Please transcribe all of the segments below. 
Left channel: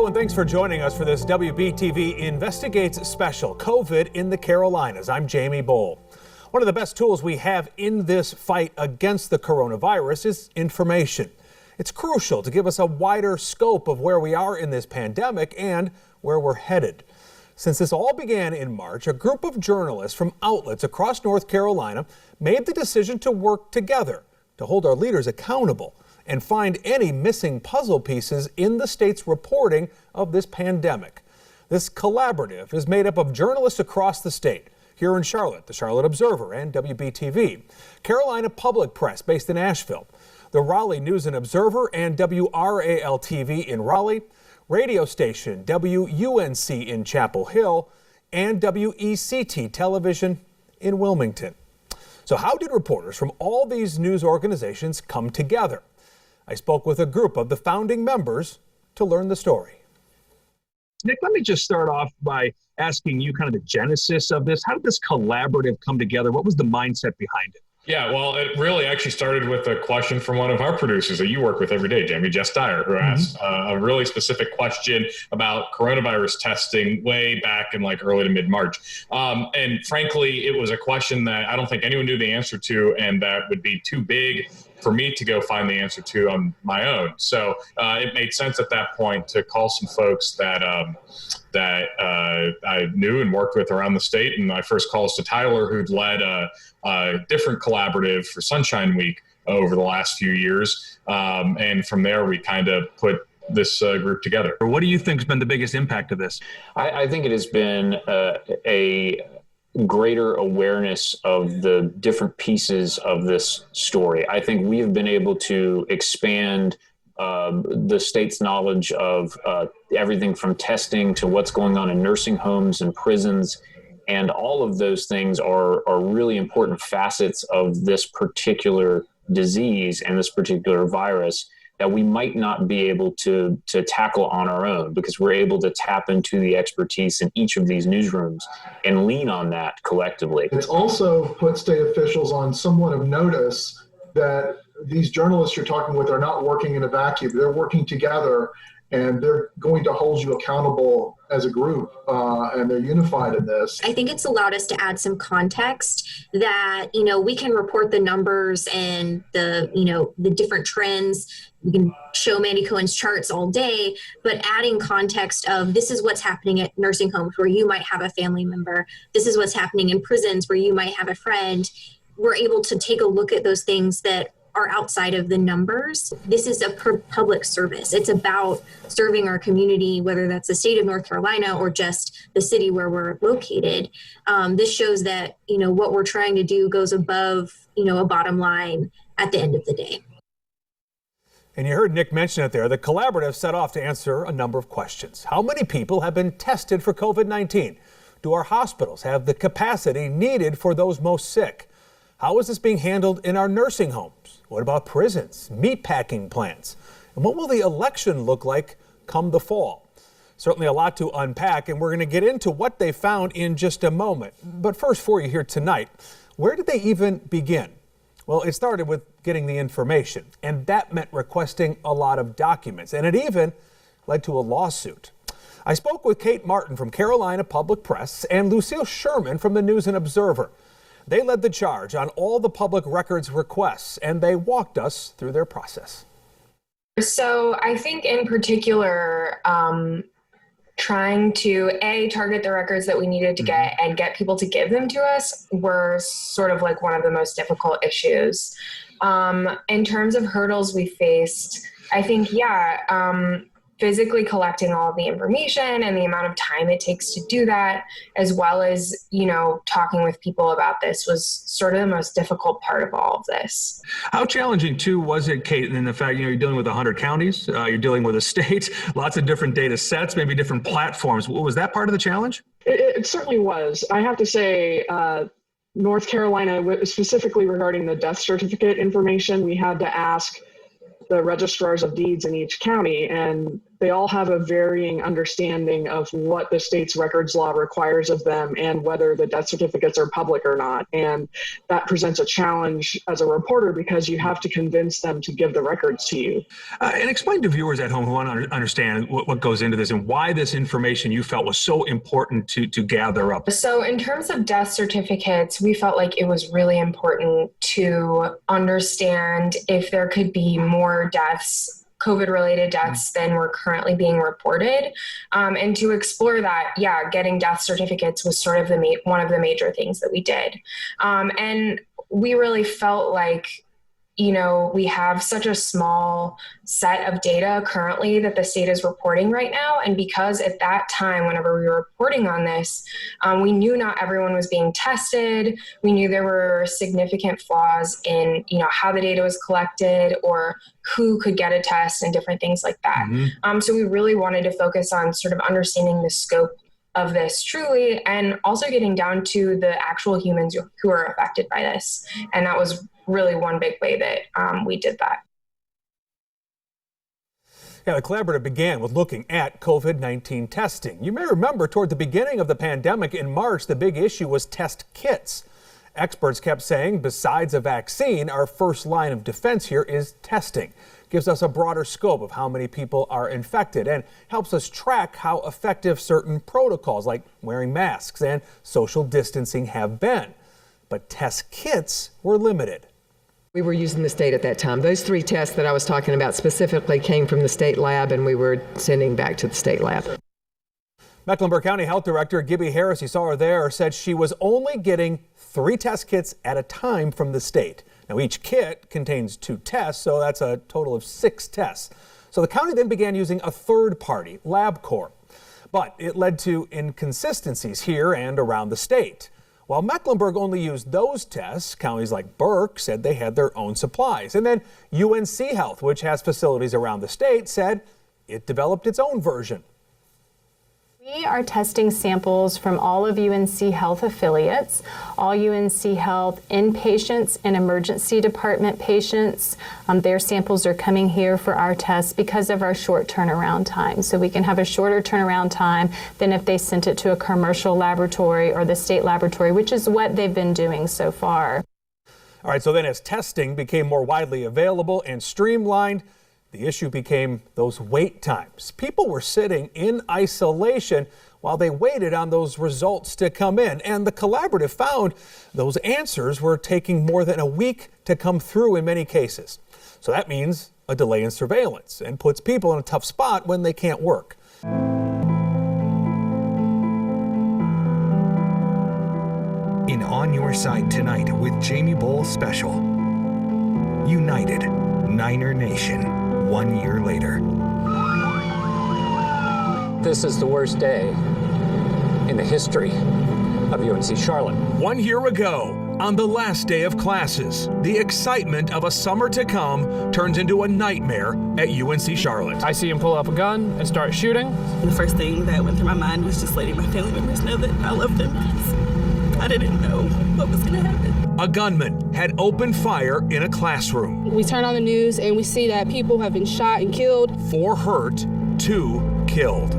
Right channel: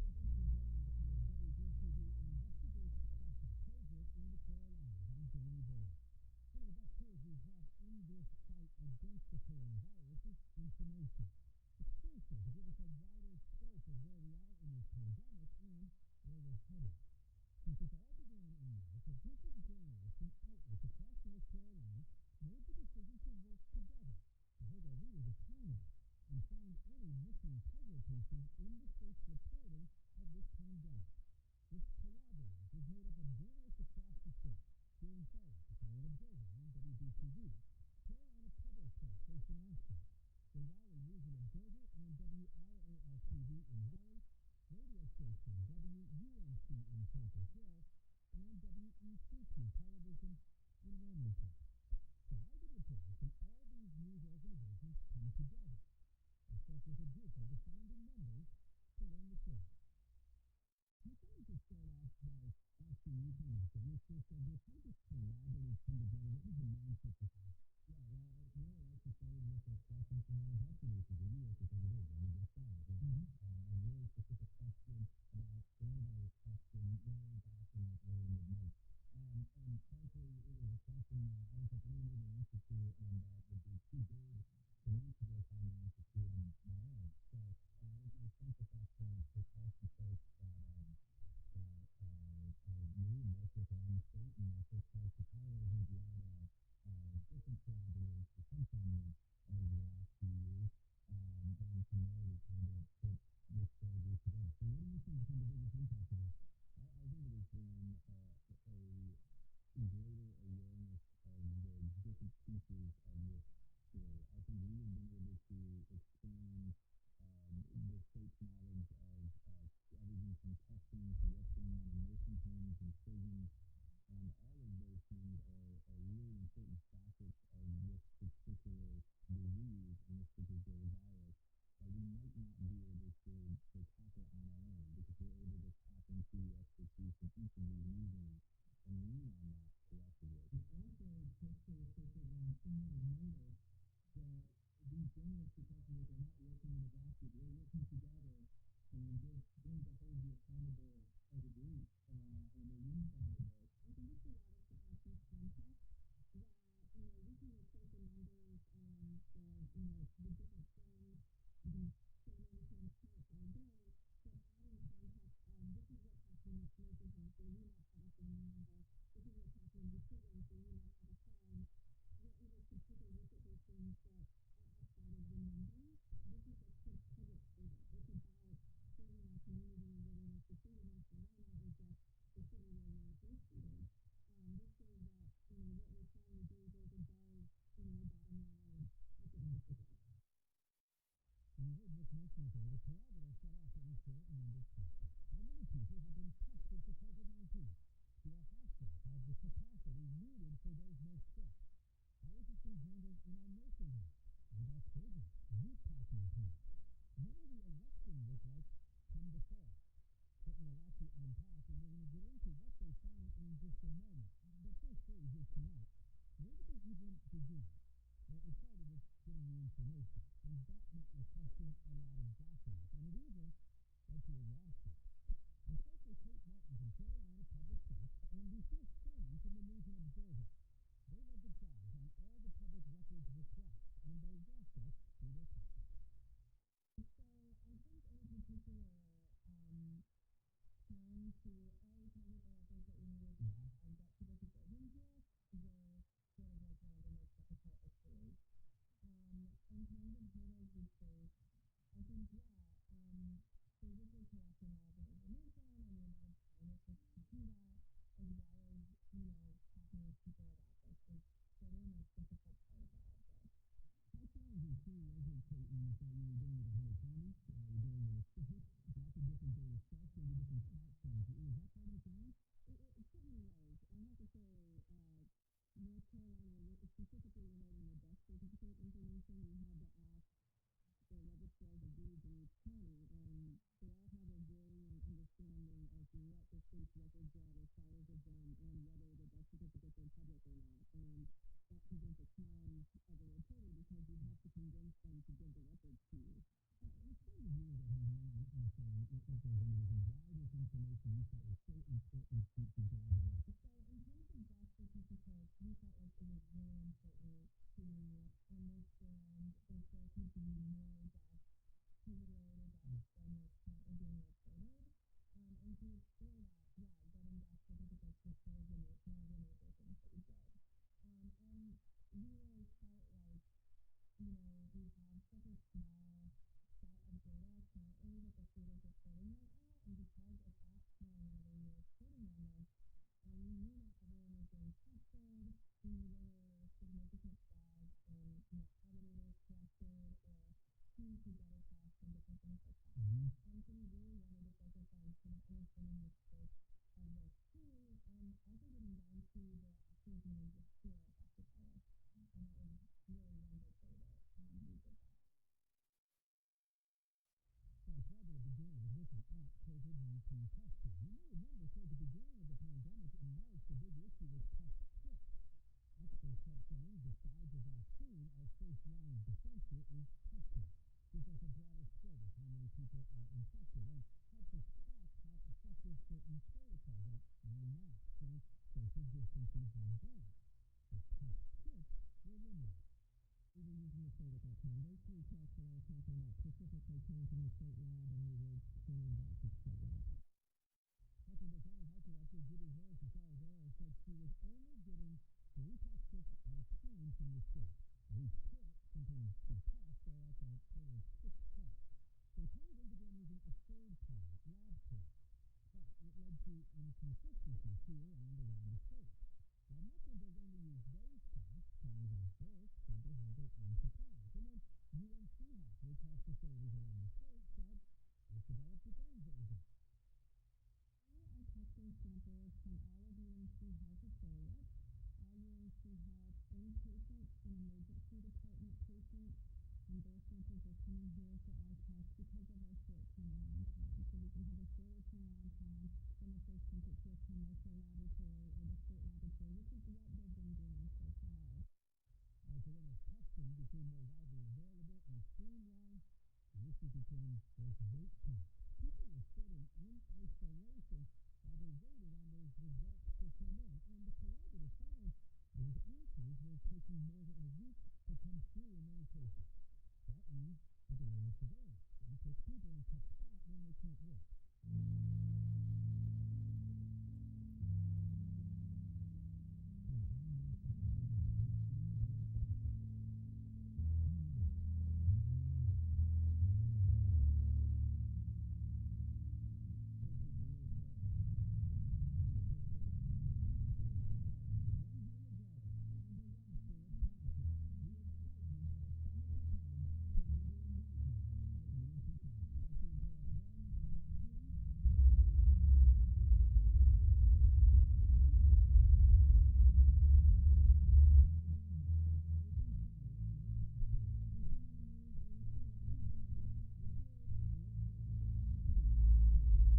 Hello and thanks for joining us for this WBTV Investigates special, COVID in the Carolinas. I'm Jamie Bowl. One of the best tools we have in this fight against the coronavirus is information. It's crucial to give us a wider scope of where we are in this pandemic and where we're headed. Since this all began in March, a group of journalists from outlets across North Carolina made the decision to work together to hold our leaders accountable and find any missing puzzle pieces in the state's reporting of this pandemic. This collaborative is made up of journalists across the state. Here in Charlotte, the Charlotte Observer and WBTV, Carolina Public Press based in Asheville, the Raleigh News and Observer and WRAL-TV in Raleigh, radio station WUNC in Chapel Hill, and WECT Television in Wilmington. So how did reporters from all these news organizations come together? I spoke with a group of the founding members to learn the story. Nick, let me just start off by asking you kind of the genesis of this. How did this collaborative come together? What was the mindset behind it? Yeah, well, it really actually started with a question from one of our producers that you work with every day, Jamie, Jess Dyer, who asked a really specific question about coronavirus testing way back in like early to mid-March. And frankly, it was a question that I don't think anyone knew the answer to, and that would be too big for me to go find the answer to on my own. So it made sense at that point to call some folks that I knew and worked with around the state. And my first call is to Tyler, who'd led a different collaborative for Sunshine Week over the last few years. And from there, we kind of put this group together. What do you think has been the biggest impact of this? I think it has been a greater awareness of the different pieces of this story. I think we have been able to expand the state's knowledge of everything from testing to what's going on in nursing homes and prisons. And all of those things are really important facets of this particular disease and this particular virus that we might not be able to tackle on our own, because we're able to tap into the expertise in each of these newsrooms and lean on that collectively. It's also put state officials on somewhat of notice that these journalists you're talking with are not working in a vacuum. They're working together, and they're going to hold you accountable as a group, and they're unified in this. I think it's allowed us to add some context that, we can report the numbers and the different trends. We can show Mandy Cohen's charts all day, but adding context of this is what's happening at nursing homes where you might have a family member. This is what's happening in prisons where you might have a friend. We're able to take a look at those things that are outside of the numbers. This is a public service. It's about serving our community, whether that's the state of North Carolina or just the city where we're located. This shows that, what we're trying to do goes above, a bottom line at the end of the day. And you heard Nick mention it there. The collaborative set off to answer a number of questions. How many people have been tested for COVID-19? Do our hospitals have the capacity needed for those most sick? How is this being handled in our nursing homes? What about prisons, meatpacking plants? And what will the election look like come the fall? Certainly a lot to unpack, and we're going to get into what they found in just a moment. But first, for you here tonight, where did they even begin? Well, it started with getting the information, and that meant requesting a lot of documents, and it even led to a lawsuit. I spoke with Kate Martin from Carolina Public Press and Lucille Sherman from the News and Observer. They led the charge on all the public records requests, and they walked us through their process. So I think in particular, trying to target the records that we needed to get and get people to give them to us were sort of like one of the most difficult issues. In terms of hurdles we faced, I think, physically collecting all of the information and the amount of time it takes to do that, as well as, talking with people about this was sort of the most difficult part of all of this. How challenging, too, was it, Kate, in the fact, you're dealing with 100 counties, you're dealing with a state, lots of different data sets, maybe different platforms. Was that part of the challenge? It certainly was. I have to say, North Carolina, specifically regarding the death certificate information, we had to ask the registrars of deeds in each county, and they all have a varying understanding of what the state's records law requires of them and whether the death certificates are public or not. And that presents a challenge as a reporter because you have to convince them to give the records to you. And explain to viewers at home who want to understand what goes into this and why this information you felt was so important to gather up. So in terms of death certificates, we felt like it was really important to understand if there could be more deaths, COVID-related deaths, than were currently being reported. And to explore that, getting death certificates was sort of one of the major things that we did. And we really felt like, we have such a small set of data currently that the state is reporting right now. And because at that time, whenever we were reporting on this, we knew not everyone was being tested. We knew there were significant flaws in, how the data was collected or who could get a test and different things like that. So we really wanted to focus on sort of understanding the scope of this truly, and also getting down to the actual humans who are affected by this. And that was really one big way that we did that. Yeah, the collaborative began with looking at COVID-19 testing. You may remember toward the beginning of the pandemic in March, the big issue was test kits. Experts kept saying, besides a vaccine, our first line of defense here is testing. Gives us a broader scope of how many people are infected and helps us track how effective certain protocols like wearing masks and social distancing have been. But test kits were limited. We were using the state at that time. Those 3 tests that I was talking about specifically came from the state lab, and we were sending back to the state lab. Mecklenburg County Health Director Gibby Harris, you saw her there, said she was only getting 3 test kits at a time from the state. Now, each kit contains 2 tests, so that's a total of 6 tests. So the county then began using a third party, LabCorp. But it led to inconsistencies here and around the state. While Mecklenburg only used those tests, counties like Burke said they had their own supplies. And then UNC Health, which has facilities around the state, said it developed its own version. We are testing samples from all of UNC Health affiliates, all UNC Health inpatients and emergency department patients. Their samples are coming here for our tests because of our short turnaround time. So we can have a shorter turnaround time than if they sent it to a commercial laboratory or the state laboratory, which is what they've been doing so far. All right, so then as testing became more widely available and streamlined, the issue became those wait times. People were sitting in isolation while they waited on those results to come in. And the collaborative found those answers were taking more than a week to come through in many cases. So that means a delay in surveillance and puts people in a tough spot when they can't work. In On Your Side Tonight with Jamie Bowl Special. United, Niner Nation. 1 year later. This is the worst day in the history of UNC Charlotte. 1 year ago, on the last day of classes, the excitement of a summer to come turns into a nightmare at UNC Charlotte. I see him pull up a gun and start shooting. The first thing that went through my mind was just letting my family members know that I love them. I didn't know what was going to happen. A gunman had opened fire in a classroom. We turn on the news and we see that people have been shot and killed. 4 hurt, 2 killed.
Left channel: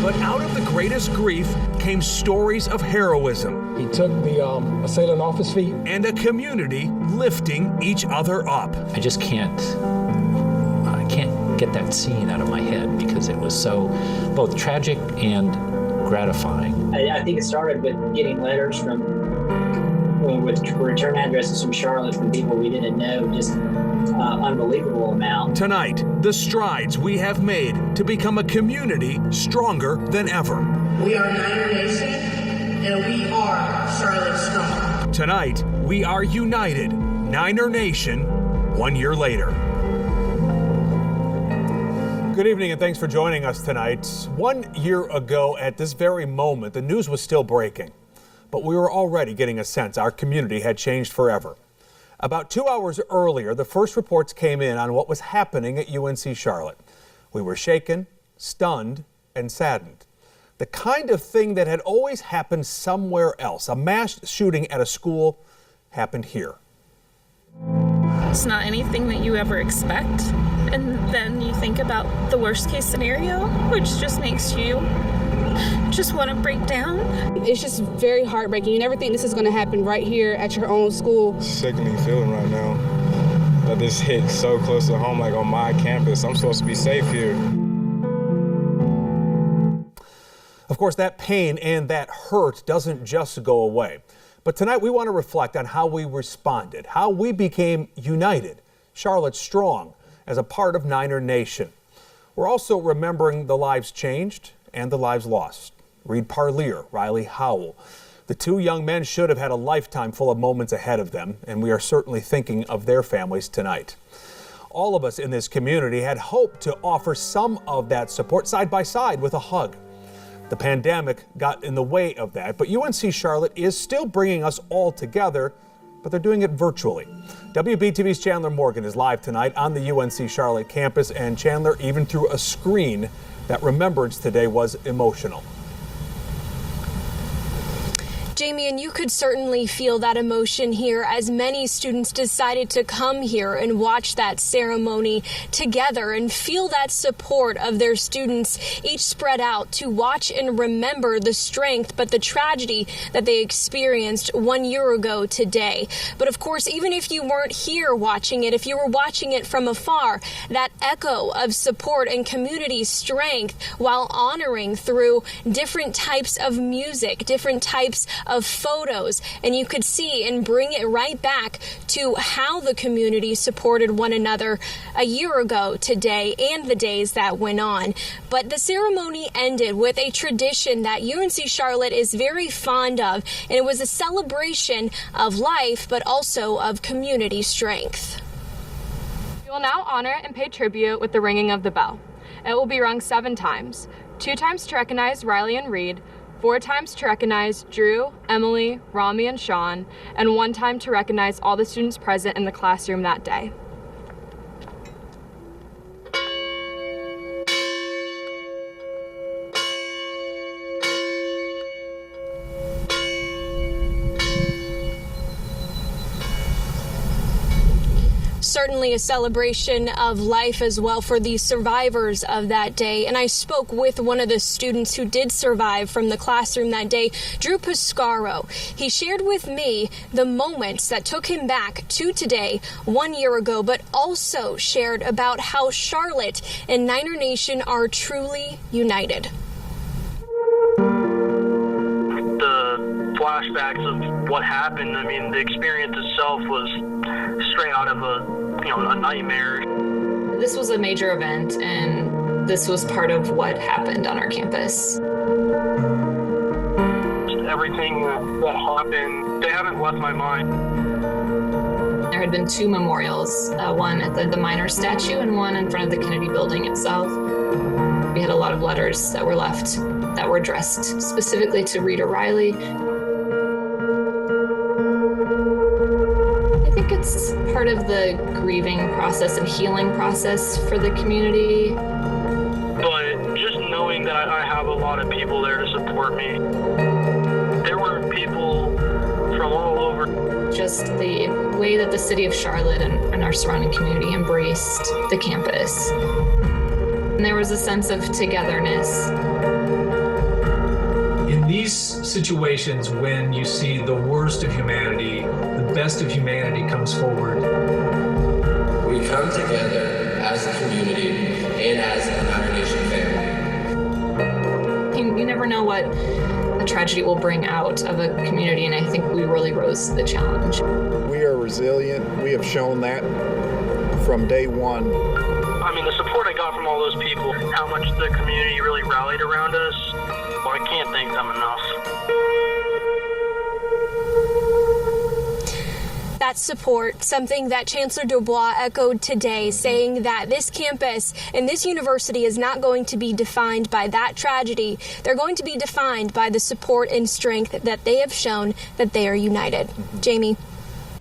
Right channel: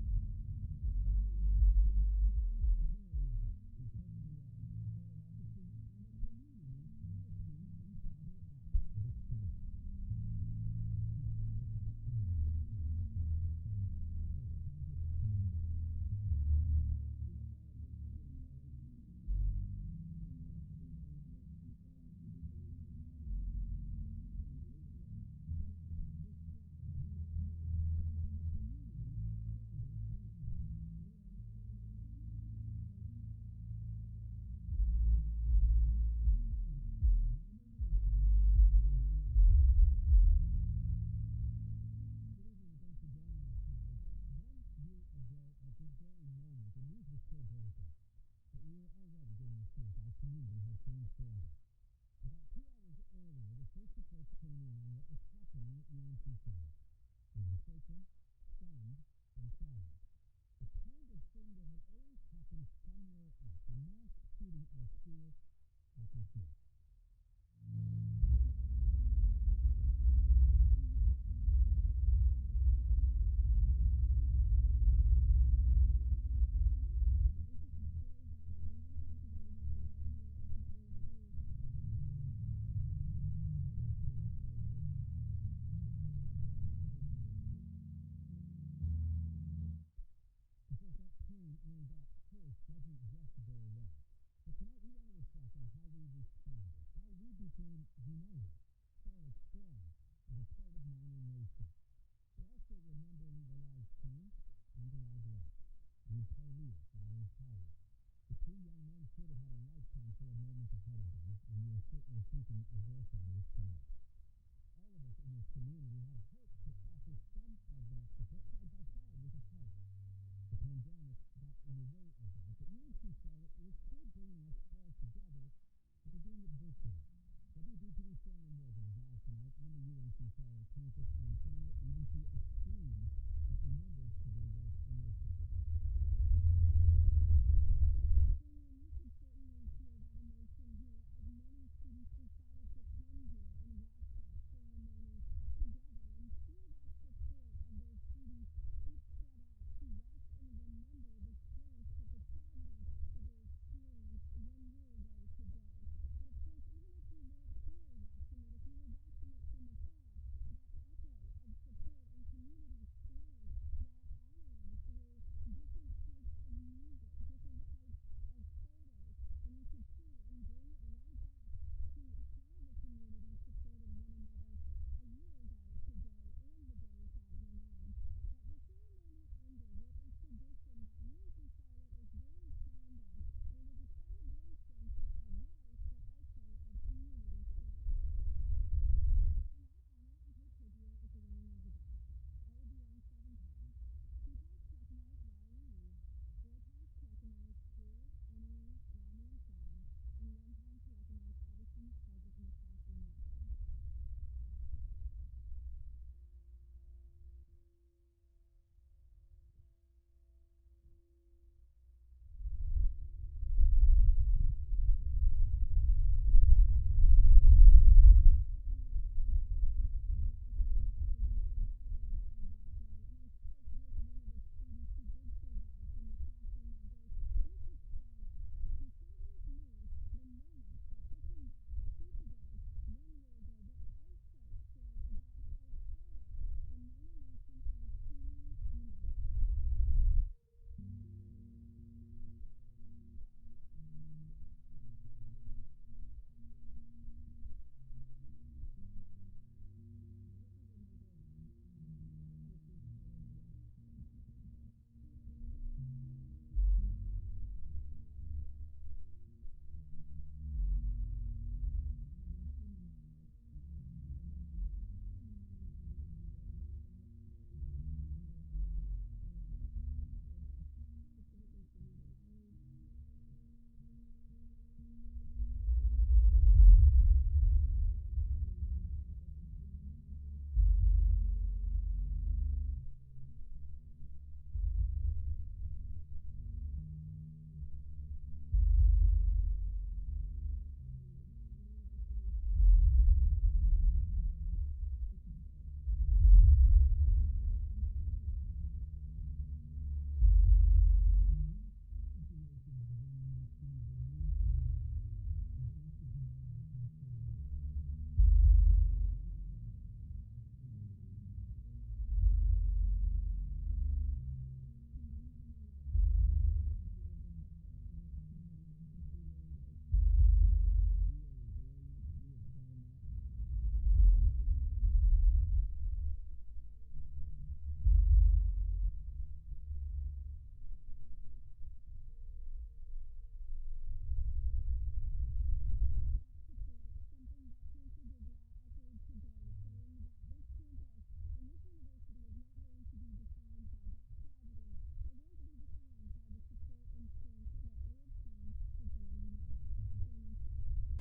But out of the greatest grief came stories of heroism. He took the assailant off his feet. And a community lifting each other up. I just can't get that scene out of my head because it was so both tragic and gratifying. I think it started with getting letters with return addresses from Charlotte from people we didn't know, just unbelievable amount. Tonight, the strides we have made to become a community stronger than ever. We are Niner Nation, and we are Charlotte Strong. Tonight, we are united, Niner Nation, 1 year later. Good evening and thanks for joining us tonight. 1 year ago at this very moment, the news was still breaking, but we were already getting a sense our community had changed forever. About 2 hours earlier, the first reports came in on what was happening at UNC Charlotte. We were shaken, stunned, and saddened. The kind of thing that had always happened somewhere else, a mass shooting at a school, happened here. It's not anything that you ever expect. and then you think about the worst case scenario, which just makes you just want to break down. It's just very heartbreaking. You never think this is going to happen right here at your own school. Sickening feeling right now that this hit so close to home, like on my campus. I'm supposed to be safe here. Of course, that pain and that hurt doesn't just go away. But tonight we want to reflect on how we responded, how we became united, Charlotte strong, as a part of Niner Nation. We're also remembering the lives changed and the lives lost. Reed Parlier, Riley Howell. The two young men should have had a lifetime full of moments ahead of them, and we are certainly thinking of their families tonight. All of us in this community had hoped to offer some of that support side by side with a hug. The pandemic got in the way of that, but UNC Charlotte is still bringing us all together, but they're doing it virtually. WBTV's Chandler Morgan is live tonight on the UNC Charlotte campus, and Chandler, even through a screen, that remembrance today was emotional. Jamie, and you could certainly feel that emotion here as many students decided to come here and watch that ceremony together and feel that support of their students, each spread out to watch and remember the strength but the tragedy that they experienced 1 year ago today. But of course, even if you weren't here watching it, if you were watching it from afar, that echo of support and community strength while honoring through different types of music, different types of photos, and you could see and bring it right back to how the community supported one another a year ago today and the days that went on. But the ceremony ended with a tradition that UNC Charlotte is very fond of, and it was a celebration of life but also of community strength. We will now honor and pay tribute with the ringing of the bell. It will be rung 7 times, 2 times to recognize Riley and Reed, 4 times to recognize Drew, Emily, Rami, and Sean, and 1 time to recognize all the students present in the classroom that day. Certainly a celebration of life as well for the survivors of that day. And I spoke with one of the students who did survive from the classroom that day, Drew Piscaro. He shared with me the moments that took him back to today 1 year ago, but also shared about how Charlotte and Niner Nation are truly united. The flashbacks of what happened, I mean, the experience itself was straight out of a nightmare. This was a major event, and this was part of what happened on our campus. Everything that happened, they haven't left my mind. There had been 2 memorials, one at the Miners statue and one in front of the Kennedy building itself. We had a lot of letters that were left that were addressed specifically to Reed or Riley. I think it's part of the grieving process and healing process for the community. But just knowing that I have a lot of people there to support me. There were people from all over. Just the way that the city of Charlotte and our surrounding community embraced the campus. And there was a sense of togetherness. In these situations, when you see the worst of humanity, the best of humanity comes forward. We come together as a community and as a Niner Nation family. You never know what a tragedy will bring out of a community, and I think we really rose to the challenge. We are resilient. We have shown that from day one. I mean, the support I got from all those people, how much the community really rallied around us, well, I can't thank them enough. That support, something that Chancellor Dubois echoed today, saying that this campus and this university is not going to be defined by that tragedy. They're going to be defined by the support and strength that they have shown that they are united. Jamie.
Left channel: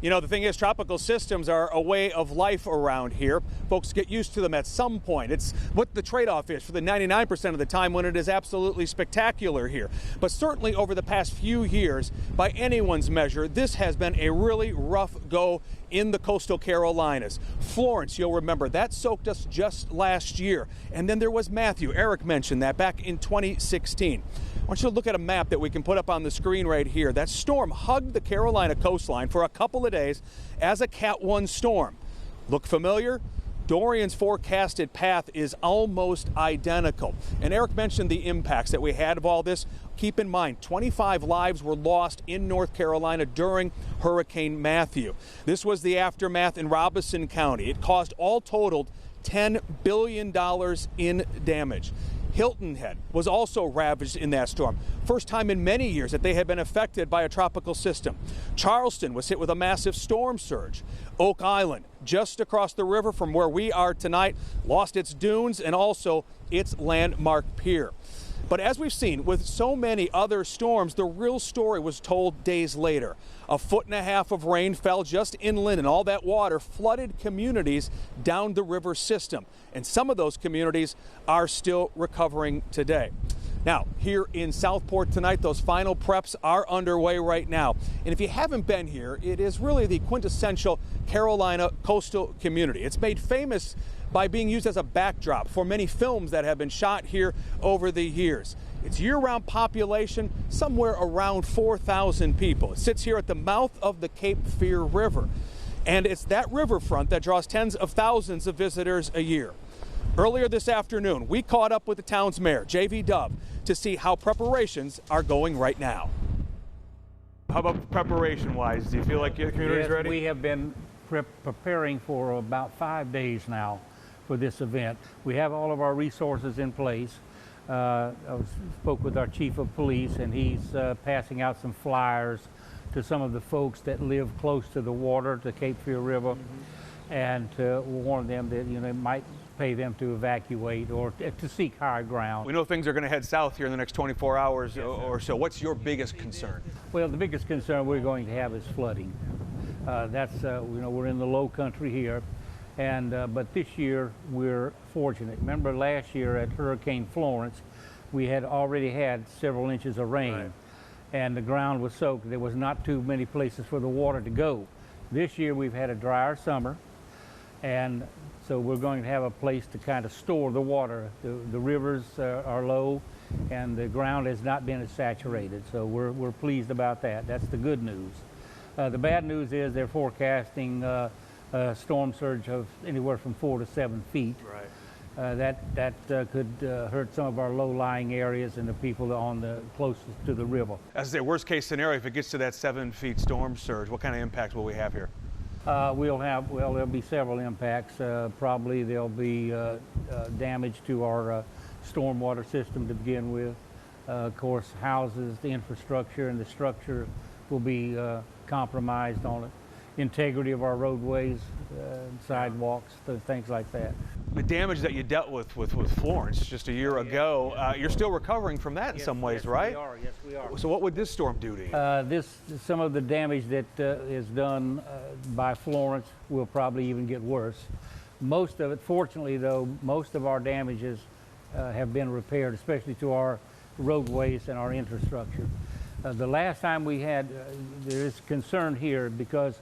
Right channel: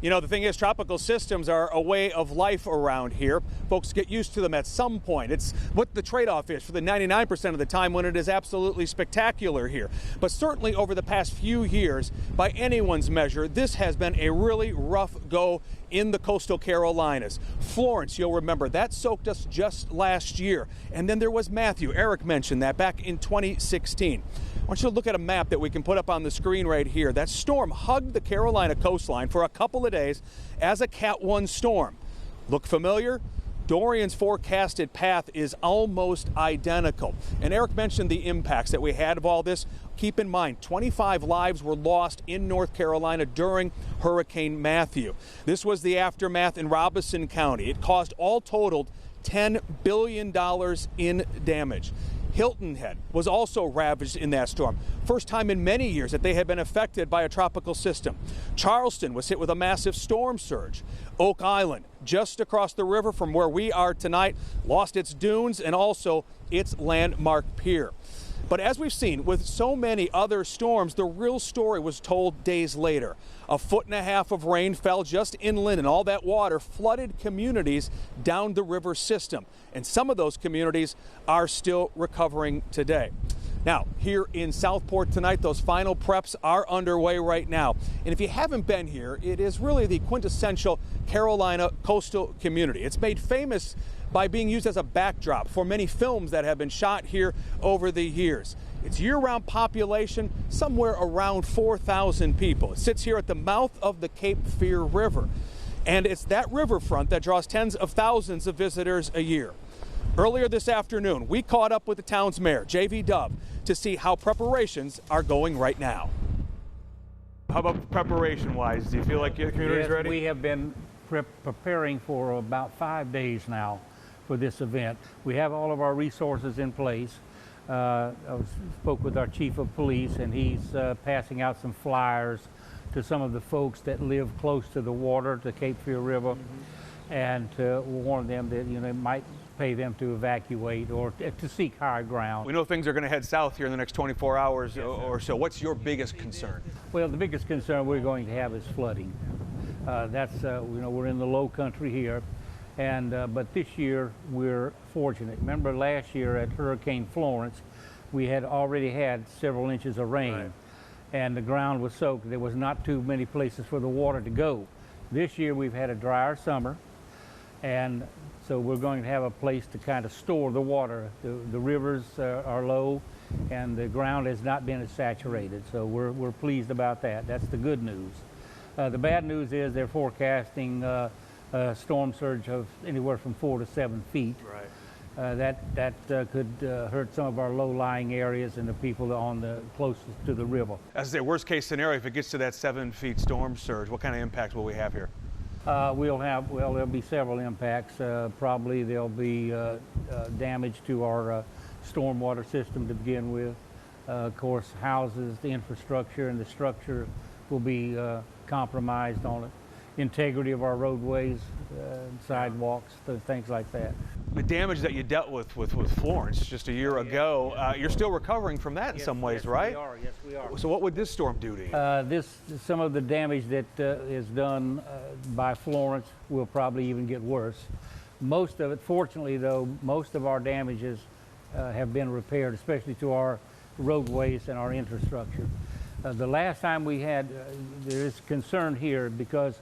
You know, the thing is, tropical systems are a way of life around here. Folks get used to them at some point. It's what the trade-off is for the 99% of the time when it is absolutely spectacular here. But certainly over the past few years, by anyone's measure, this has been a really rough go in the coastal Carolinas. Florence, you'll remember, that soaked us just last year. And then there was Matthew. Eric mentioned that back in 2016. I want you to look at a map that we can put up on the screen right here. That storm hugged the Carolina coastline for a couple of days as a Cat 1 storm. Look familiar? Dorian's forecasted path is almost identical. And Eric mentioned the impacts that we had of all this. Keep in mind, 25 lives were lost in North Carolina during Hurricane Matthew. This was the aftermath in Robeson County. It caused all totaled $10 billion in damage. Hilton Head was also ravaged in that storm. First time in many years that they had been affected by a tropical system. Charleston was hit with a massive storm surge. Oak Island, just across the river from where we are tonight, lost its dunes and also its landmark pier. But as we've seen with so many other storms, the real story was told days later. 1.5 feet of rain fell just inland, and all that water flooded communities down the river system. And some of those communities are still recovering today. Now, here in Southport tonight, those final preps are underway right now. And if you haven't been here, it is really the quintessential Carolina coastal community. It's made famous by being used as a backdrop for many films that have been shot here over the years. Its year-round population, somewhere around 4,000 people. It sits here at the mouth of the Cape Fear River. And it's that riverfront that draws tens of thousands of visitors a year. Earlier this afternoon, we caught up with the town's mayor, J.V. Dove, to see how preparations are going right now. How about preparation-wise? Do you feel like your community's ready? We have been preparing for about 5 days now for this event. We have all of our resources in place. I spoke with our chief of police, and he's passing out some flyers to some of the folks that live close to the water, the Cape Fear River, and to warn them that, you know, it might pay them to evacuate or to seek higher ground. We know things are going to head south here in the next 24 hours or so. What's your biggest concern? Well, the biggest concern we're going to have is flooding. That's, you know, we're in the low country here, and but this year we're fortunate. Remember last year at Hurricane Florence, we had already had several inches of rain, right, and the ground was soaked. There was not too many places for the water to go. This year we've had a drier summer, and so we're going to have a place to kind of store the water. The rivers are low, and the ground has not been as saturated, so we're pleased about that. That's the good news. The bad news is they're forecasting a storm surge of anywhere from 4 to 7 feet. Right. That could hurt some of our low-lying areas and the people on the closest to the river. As I say, worst case scenario, if it gets to that 7 feet storm surge, what kind of impact will we have here? There'll be several impacts. Probably there'll be damage to our stormwater system to begin with. Of course, houses, the infrastructure, and the structure will be compromised on it. Integrity of our roadways, sidewalks, things like that. The damage that you dealt with Florence just a year ago, you're still recovering from that in some ways, right? Yes, we are. So what would this storm do to you? Some of the damage that is done by Florence will probably even get worse. Most of it, fortunately though, most of our damages have been repaired, especially to our roadways and our infrastructure. The last time we had, there is concern here because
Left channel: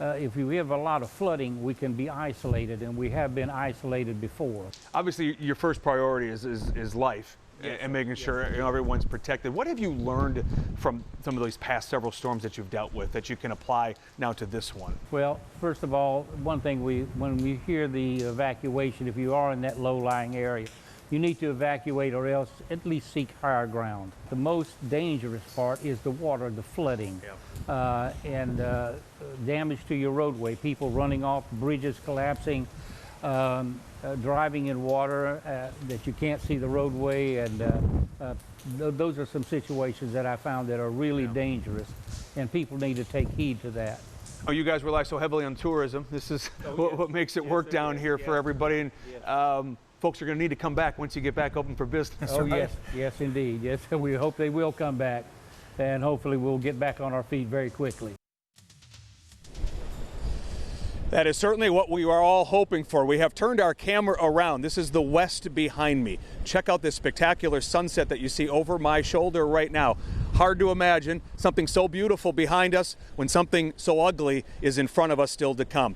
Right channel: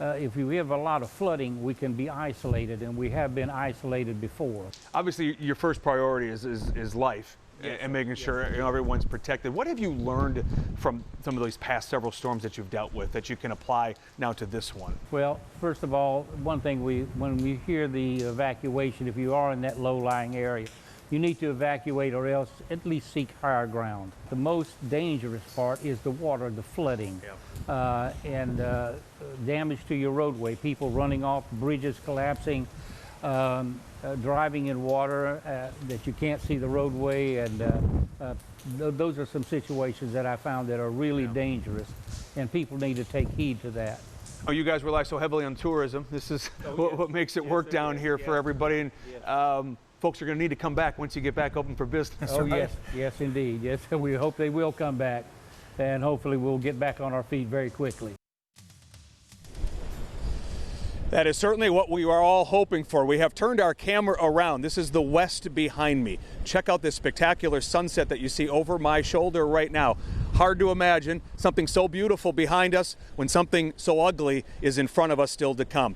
if we have a lot of flooding, we can be isolated, and we have been isolated before. Obviously, your first priority is life, yes, and making sure everyone's protected. What have you learned from some of these past several storms that you've dealt with that you can apply now to this one? Well, first of all, one thing when we hear the evacuation, if you are in that low-lying area, you need to evacuate or else at least seek higher ground. The most dangerous part is the water, the flooding, and damage to your roadway, people running off, bridges collapsing, driving in water that you can't see the roadway, and those are some situations that I found that are really dangerous, and people need to take heed to that. Oh, you guys rely so heavily on tourism. This is what makes it work down here for everybody. And, folks are going to need to come back once you get back open for business. Oh, right? yes, indeed. Yes, we hope they will come back, and hopefully we'll get back on our feet very quickly. That is certainly what we are all hoping for. We have turned our camera around. This is the west behind me. Check out this spectacular sunset that you see over my shoulder right now. Hard to imagine something so beautiful behind us when something so ugly is in front of us still to come.